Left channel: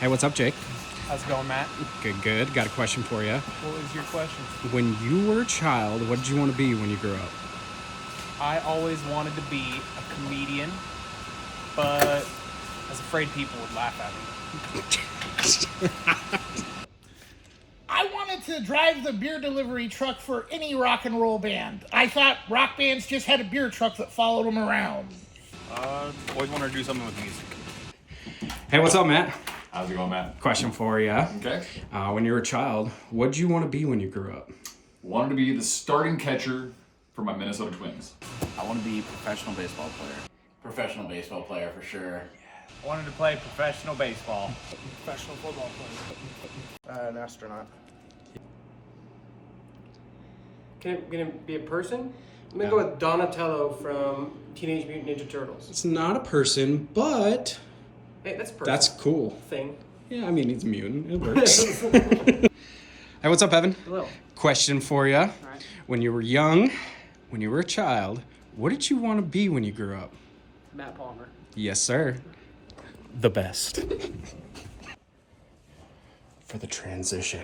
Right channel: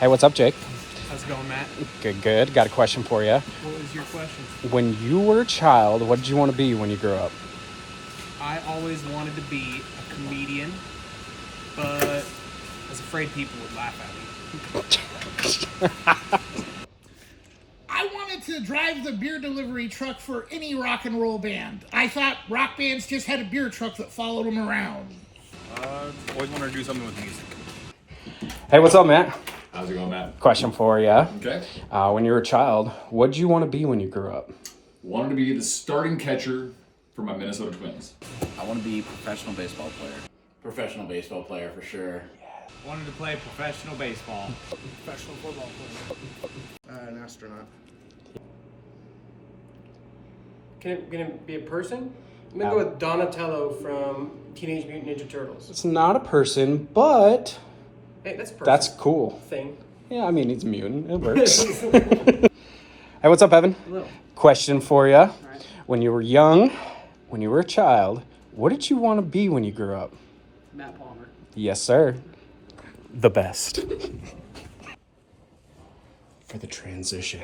Hey, what's up, Jake? How's it going, Matt? Good, good. Got a question for you. What was your question? When you were a child, what did you want to be when you grew up? I always wanted to be a comedian, but I was afraid people would laugh at me. I wanted to drive the beer delivery truck for any rock and roll band. I thought rock bands just had a beer truck that followed them around. Always wanted to do something with music. Hey, what's up, Matt? How's it going, Matt? Question for you. Okay. When you were a child, what did you want to be when you grew up? Wanted to be the starting catcher for my Minnesota Twins. I want to be a professional baseball player. Professional baseball player for sure. Wanted to play professional baseball. Professional football player. An astronaut. Can it be a person? I'm gonna go with Donatello from Teenage Mutant Ninja Turtles. It's not a person, but Hey, that's a person. that's cool. Thing. Yeah, I mean, he's a mutant. It works. Hey, what's up, Evan? Hello. Question for you. All right. When you were young, when you were a child, what did you want to be when you grew up? Matt Palmer. Yes, sir. The best. For the transition.